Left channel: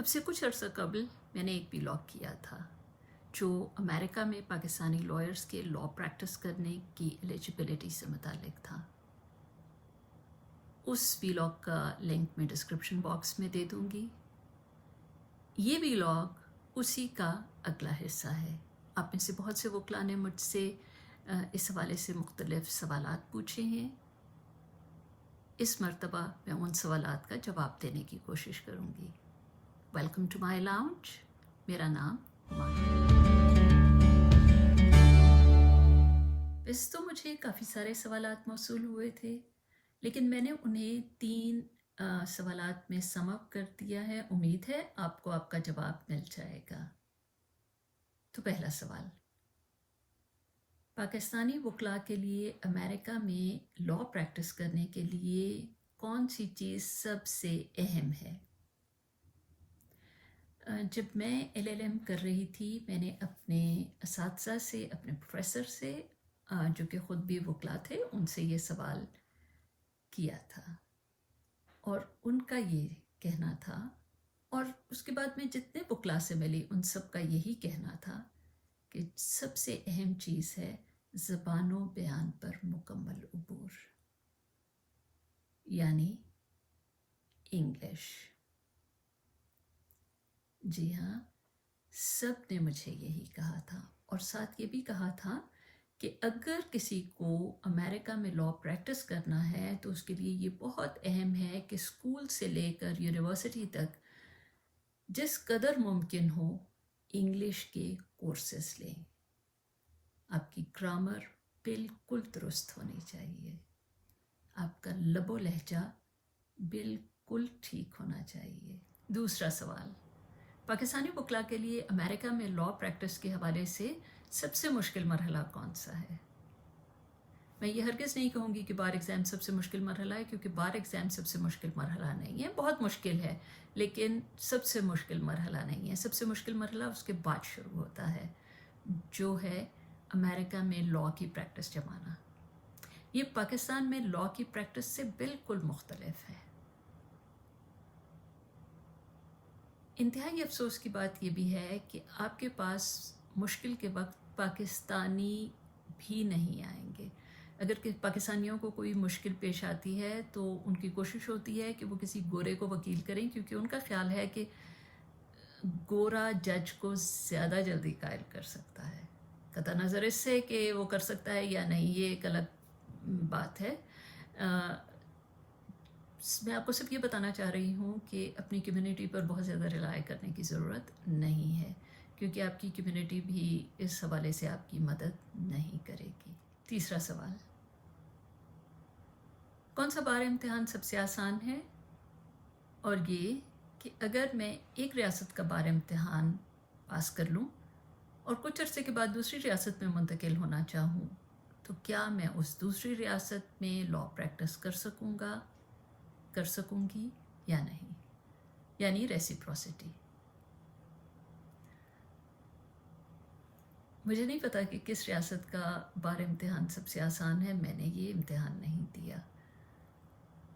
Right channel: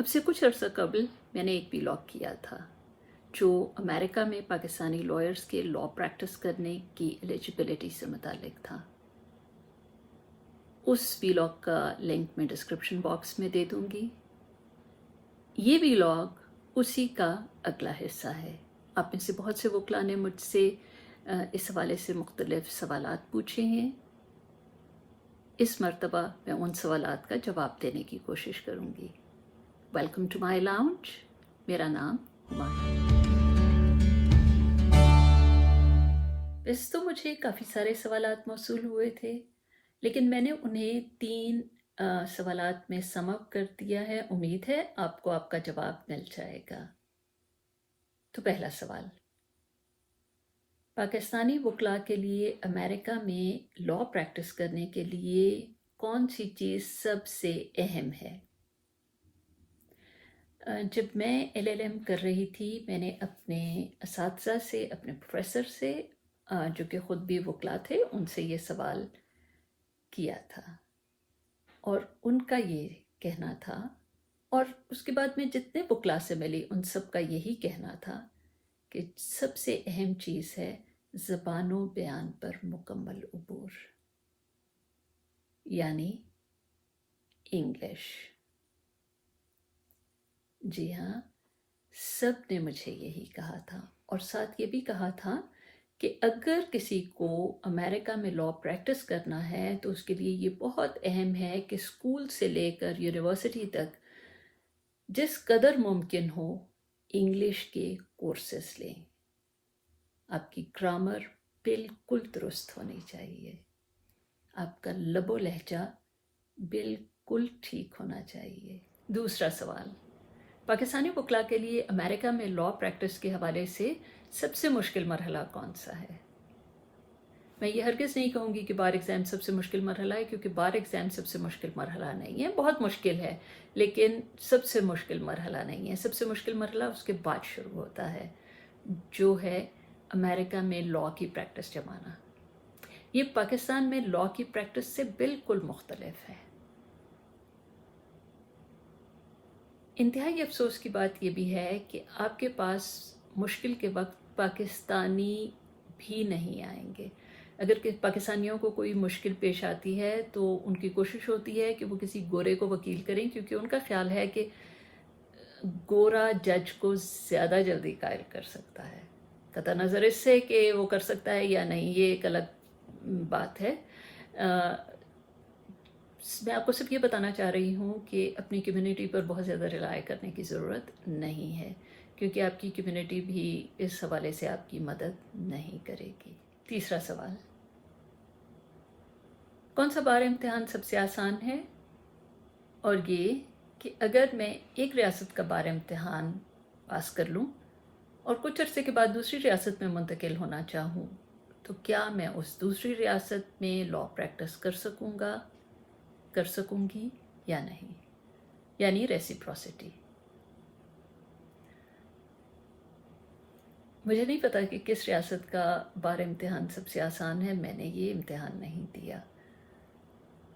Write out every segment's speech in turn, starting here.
अब से कुछ अर्सा कबल मैंने एक व्लॉग किया था जो अमेरिका में पाकिस्तानी लॉयर्स के लॉ प्रैक्टिस करने की एलिजिबिलिटी से मुतालिक था। उस व्लॉग का लिंक मैं डिस्क्रिप्शन बॉक्स में दे दूँगी। ये व्लॉग उसी का अगला हिस्सा है। आप में से बहुत से वकला ने मुझसे इस हवाले से मुख्तलिफ सवालात पूछे हैं। इस मरतबा मैं उन सवालात का जवाब देने की कोशिश करूँगी। Welcome to my lounge. मेरा नाम हुमा है। वैसे तो मुझे काफ़ी सारे सवालात मौसूल हुए थे, लेकिन मैंने उन्हें 3 सवालात में सम अप कर दिया है। उम्मीद है आपको आपका जवाब मिल जाएगा। तो पहला सवाल, पाकिस्तानी वकला के लिए अमेरिका में लॉ प्रैक्टिस करने के लिए कौन सी चीज़ सबसे अहम है? जब मैं LLM कर रही थी, मैंने अपने असातिज़ा से, अपने प्रोफेसर से जो कि ख़ुद भी वकला थे, उनसे ये सवाल किया था और उनका ये कहना था, और उसके बाद मैं जितने वकला से मिली उन सब का यही कहना था कि सबसे अहम चीज़ है ज़बानो बयान पर मुकम्मल उबूर, यानी इंग्लिश। जी हाँ, सब ने मुझे यही कहा था, और साथ ये भी कहा था कि अगर किसी को अमेरिका में लॉ प्रैक्टिस करना है तो उसके लिए ये बहुत अहम है कि स्कूल से लेकर यूनिवर्सिटी तक जिस कदर मुमकिन हो इंग्लिश के कोर्सेस लें। आपकी ग्रामर बिल्कुल दुरुस्त होनी चाहिए, आपका लबो लहजा बिल्कुल ठीक होना चाहिए। दूसरा सवाल, पाकिस्तानी वकला के लिए अमेरिका में लॉ प्रैक्टिस के हवाले से सबसे मुश्किल मरहला कौन सा है? मैं ये हरगिज़ नहीं कहूँगी कि बार एग्ज़ाम सबसे मुश्किल मरहला है, क्योंकि बार एग्ज़ाम सबसे मुश्किल मरहला नहीं है। बहुत मुश्किल है, लेकिन सबसे मुश्किल मरहला नहीं है। सबसे मुश्किल मरहला उसके बाद शुरू होता है, जो है अमेरिका में लॉ की प्रैक्टिस जमाना। ये पाकिस्तान में लॉ की प्रैक्टिस से बिल्कुल मुख्तलिफ है। इंतहाई अफसोस की बात ये भी है कि आपके पास मुश्किल के वक्त पाकिस्तानी भी नहीं आएंगे। अगर पाकिस्तानियों को कोई मुश्किल पेश आती है तो उनकी कोशिश होती है कि वो किसी गोरे को वकील करें, क्योंकि उनका ख्याल है कि गोरा जज को ज़्यादा जल्दी कायल कर सकता है। कतई नज़र इससे कि वो कर सकता है या नहीं, ये एक अलग बात है। मैं आपको सिर्फ ये बताना चाह रही हूँ कि अपनी कम्युनिटी पर बहुत ज़्यादा रिलाय करने की ज़रूरत नहीं है, क्योंकि आपकी कम्युनिटी भी इस हवाले से आपकी मदद नहीं करेगी। तीसरा सवाल, कौन सा बार इम्तिहान सबसे आसान है? और ये कि अगर मैं एक रियासत का बार इम्तिहान पास कर लूँ और कुछ अरसे के बाद दूसरी रियासत में मुंतकिल होना चाहूँ, तो क्या मैं उस दूसरी रियासत में लॉ प्रैक्टिस कर सकूँगी या नहीं, यानी रेसिप्रोसिटी। मुझे नहीं पता कि किस रियासत का बार इम्तिहान सबसे आसान है। मैंने ये इम्तिहान नहीं दिया।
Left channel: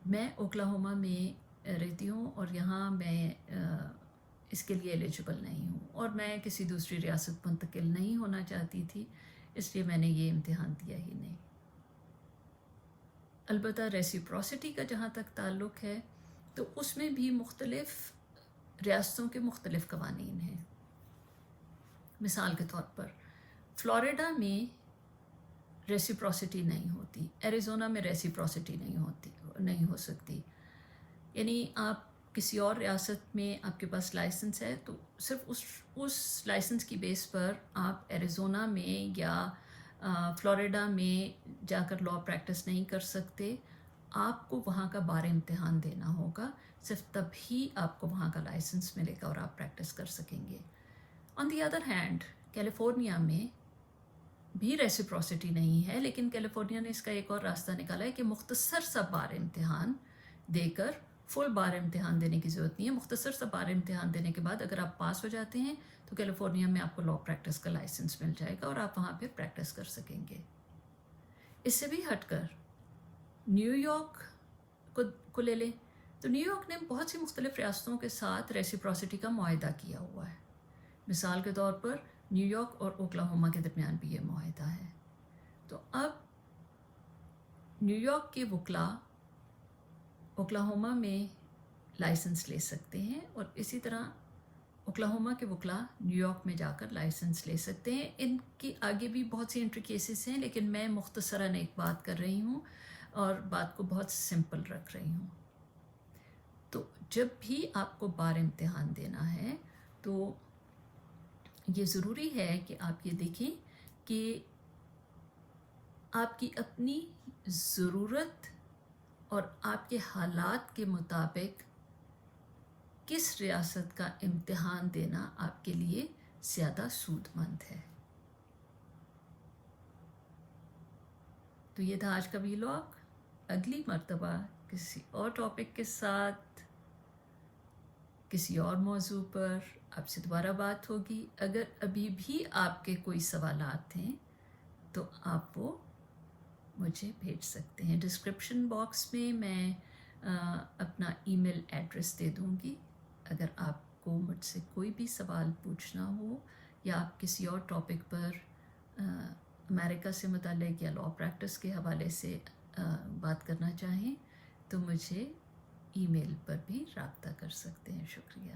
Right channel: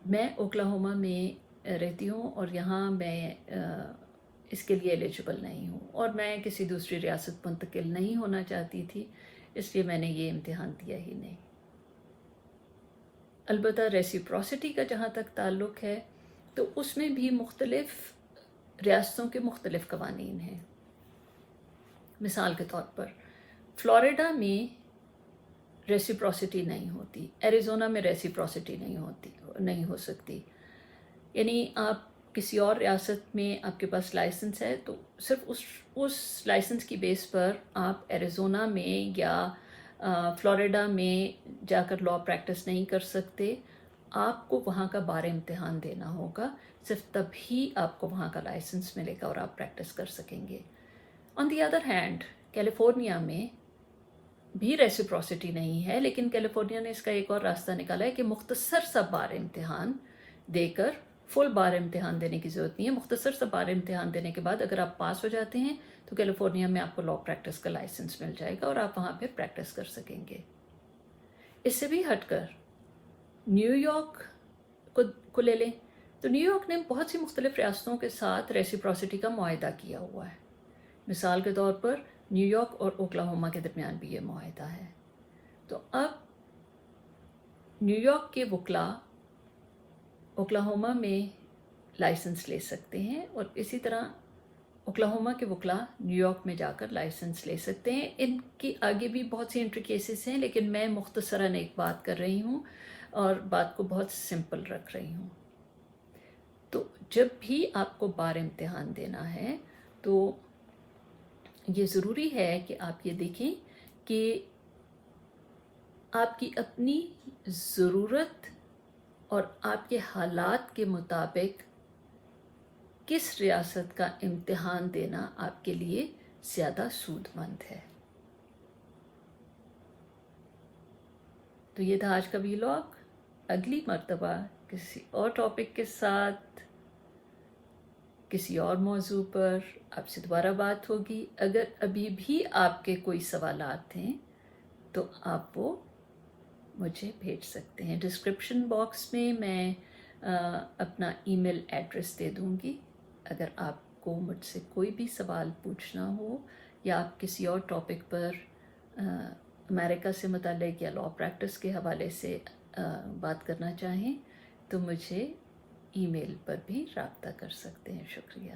मैं ओक्लाहोमा में रहती हूँ और यहाँ मैं इसके लिए एलिजिबल नहीं हूँ, और मैं किसी दूसरी रियासत मुंतकिल नहीं होना चाहती थी, इसलिए मैंने ये इम्तिहान दिया ही नहीं। अलबत्ता रेसिप्रोसिटी का जहाँ तक ताल्लुक़ है तो उसमें भी मुख्तलिफ़ रियासतों के मुख्तलिफ़ क़वानीन हैं। मिसाल के तौर पर फ़्लोरिडा में रेसिप्रोसिटी नहीं होती, एरिज़ोना में रेसिप्रोसिटी नहीं हो सकती। यानी आप किसी और रियासत में आपके पास लाइसेंस है तो सिर्फ उस लाइसेंस की बेस पर आप एरिज़ोना में या फ़्लोरिडा में जाकर लॉ प्रैक्टिस नहीं कर सकते। आपको वहाँ का बार इम्तिहान देना होगा, सिर्फ तभी आपको वहाँ का लाइसेंस मिलेगा और आप प्रैक्टिस कर सकेंगे। On the other hand California में भी रेसिप्रोसिटी नहीं है, लेकिन कैलिफोर्निया ने इसका एक और रास्ता निकाला है कि मुख्तसर सा बार इम्तिहान देकर, फुल बार इम्तिहान देने की ज़रूरत नहीं है। मुख्तसर सा बार इम्तिहान देने के बाद अगर आप पास हो जाते हैं तो कैलिफोर्निया में आपको लॉ प्रैक्टिस का लाइसेंस मिल जाएगा और आप वहाँ पे प्रैक्टिस कर सकेंगे। इससे भी हटकर न्यूयॉर्क को ले लें تو نیو یارک نے بہت سی مختلف ریاستوں کے ساتھ ریسیپروسٹی کا معاہدہ کیا ہوا ہے. مثال کے طور پر نیو یارک اور اوکلاہوما کے درمیان بھی یہ معاہدہ ہے. تو اب نیو یارک کے وکلاء اوکلاہوما میں لائسنس لے سکتے ہیں اور اسی طرح اوکلاہوما کے وکلاء نیو یارک میں جا کر لائسنس لے سکتے ہیں. ان کی آگے بھی بہت سی انٹریکیسز ہیں، لیکن میں مختصراً ایک بات کر رہی ہوں اور بات کو بہت سمپل رکھ رہی ہوں. تو جب بھی آپ کو بار امتحان دینا ہے تو یہ ضروری ہے کہ آپ یہ دیکھیں کہ آپ کی اپنی ضرورت اور آپ کے حالات کے مطابق کس ریاست کا امتحان دینا آپ کے لیے زیادہ سود مند ہے. تو یہ تھا آج کا ویلاگ. اگلی مرتبہ کسی اور ٹاپک کے ساتھ کسی اور موضوع پر آپ سے دوبارہ بات ہوگی. اگر ابھی بھی آپ کے کوئی سوالات ہیں تو آپ وہ مجھے بھیج سکتے ہیں. ڈسکرپشن باکس میں میں اپنا ای میل ایڈریس دے دوں گی. اگر آپ کو مجھ سے کوئی بھی سوال پوچھنا ہو یا آپ کسی اور ٹاپک پر امریکہ سے متعلق یا لاء پریکٹس کے حوالے سے بات کرنا چاہیں تو مجھے ای میل پر بھی رابطہ کر سکتے ہیں. شکریہ.